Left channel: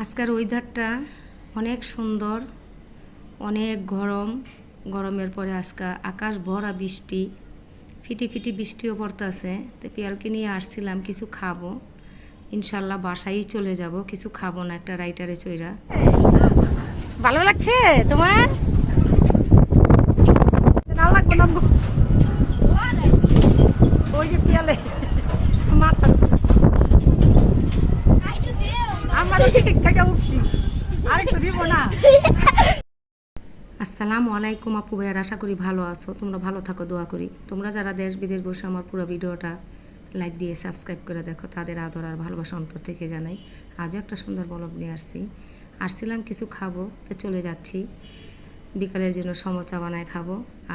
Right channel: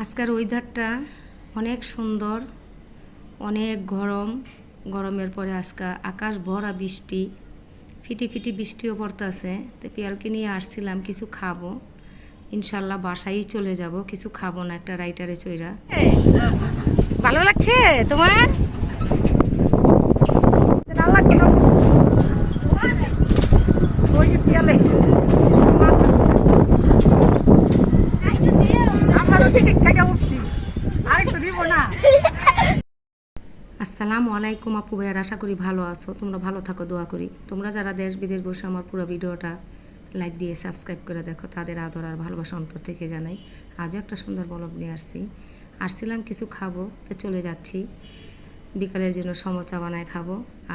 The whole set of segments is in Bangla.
আজকের ওয়েদারটা অনেক সুন্দর, অনেক গরম। গরমের পরে আজকে আকাশ ভরা বৃষ্টি, ফিটি ফিটি বৃষ্টিও পড়তেছে। তো পিয়ালকে নিয়ে আসছিলাম কিছু খাব। ইনশাল্লাহ বাসায় চলে যাব, কিছু খাব না একটা রাইটারে চইরা। ভালো লাগছে তোমার না লাগবে না ওই যে পিয়ালে মাথা আসসালামু আলাইকুম আপু ভাইয়ার, আশা করি ভালো আছো। তোমরা ভালো থাকো, দোয়া করি। তোমরা যারা দেশ বিদেশ বসে আমার পুরো ভিডিওটা লাইক দিয়ে সাবস্ক্রাইব করে দেখো, তাদের আদর আর ভালোবাসা অন্তর থেকে জানাই। আজও একটা সুন্দর বলব নিয়ে আসছি। আসছিলাম কিছু খাব, তো চলে যাচ্ছি। বিকালের জন্য সমচা বানায় খাব,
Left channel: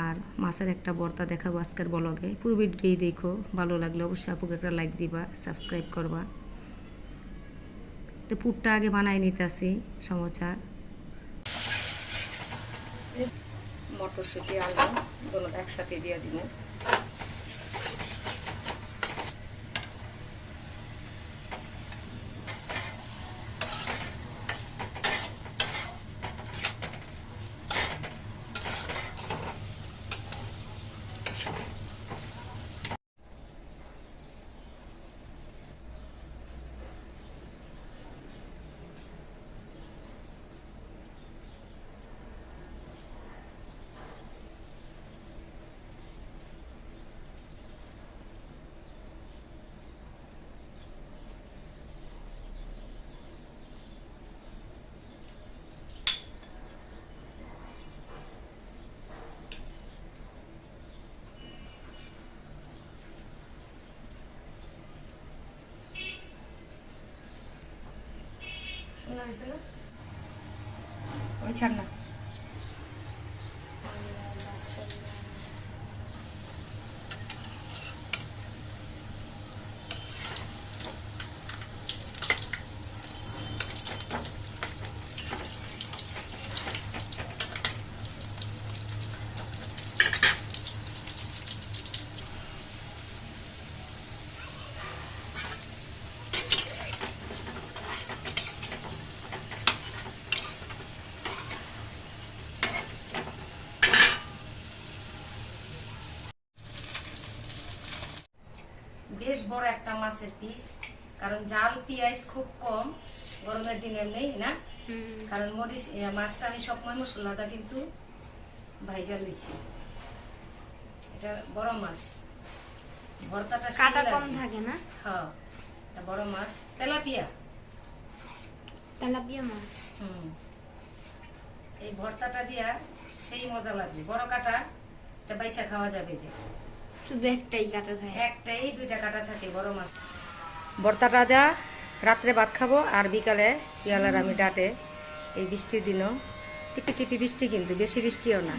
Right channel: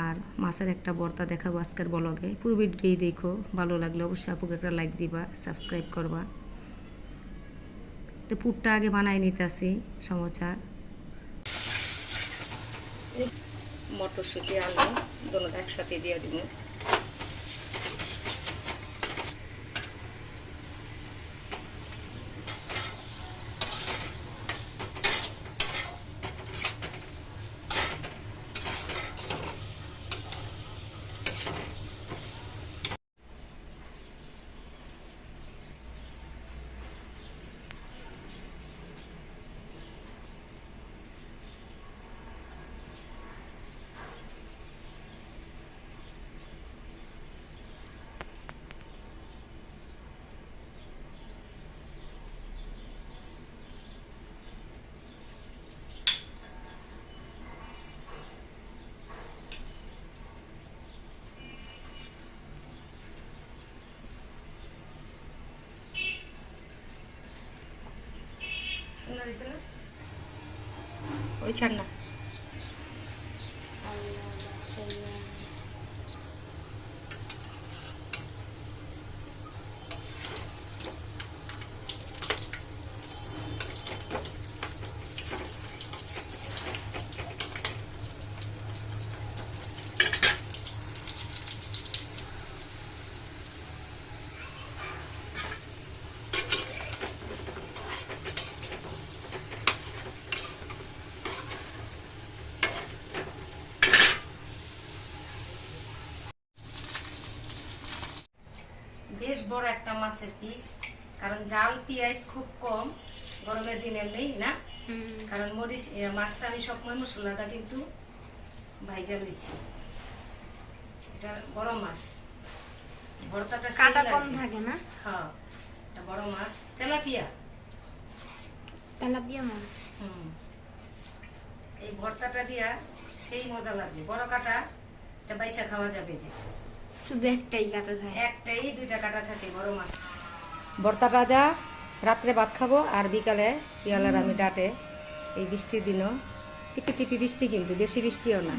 আর মাছের একটা বর্তা দেখাবো আজকের বলগে পুরো ভিডিওই দেখো, ভালো লাগলে অবশ্যই আপুকে একটা লাইক দিবা সাবস্ক্রাইব করবা। তো পুরটা আগে বানাই নিতেছি সমচার। মটরশুঁটি আলু দুটো একসাথে দিয়ে দিব। Ôi chân này বেশ বড় একটা মাছের পিস কারণ জাল পেঁয়াজ খুব কম গরমের দিন এমনি না? কারণ মরিচ মাছটা আমি সবসময় মশলাটা কিন্তু ভাইজাল দিছি এটা বড় মাছ। ভর্তাটা কাটা কম থাকে না? হ্যাঁ এটা বড় মাছ। তেলাপিয়া। তেলাপিয়া মাছ। হুম। এই ভর্তাটা দিয়া সেই মজা লাগবে। বড় কাটা এটা বাইচা খাওয়া যাবে যে। শুধু একটাই কাটা থাকে। একটাই দুইটা কাটা থাকে বড় মাছ। ভর্তাটা দেয়া রাত্রে ভাত খাব আর বিকালে পিয়ালার আমি ডাটে। এই বৃষ্টির দিনও টিপি টিপি বৃষ্টি কিন্তু বেশি বৃষ্টিও না।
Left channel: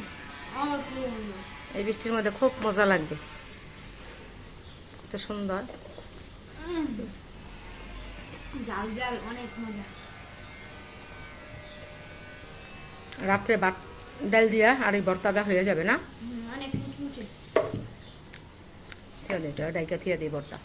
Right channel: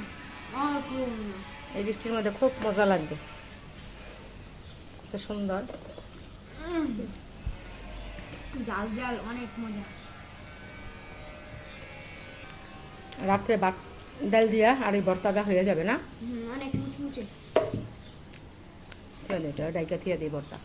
এই বৃষ্টির মধ্যে খুব মজা লাগবে। কত সুন্দর। জাল জাল অনেক মজা। রাত্রে ভাত ডাল দিয়া আর এই ভর্তাটা হয়ে যাবে না? অনেক দে এটা ডাইকা থিয়া দিই ভর্তা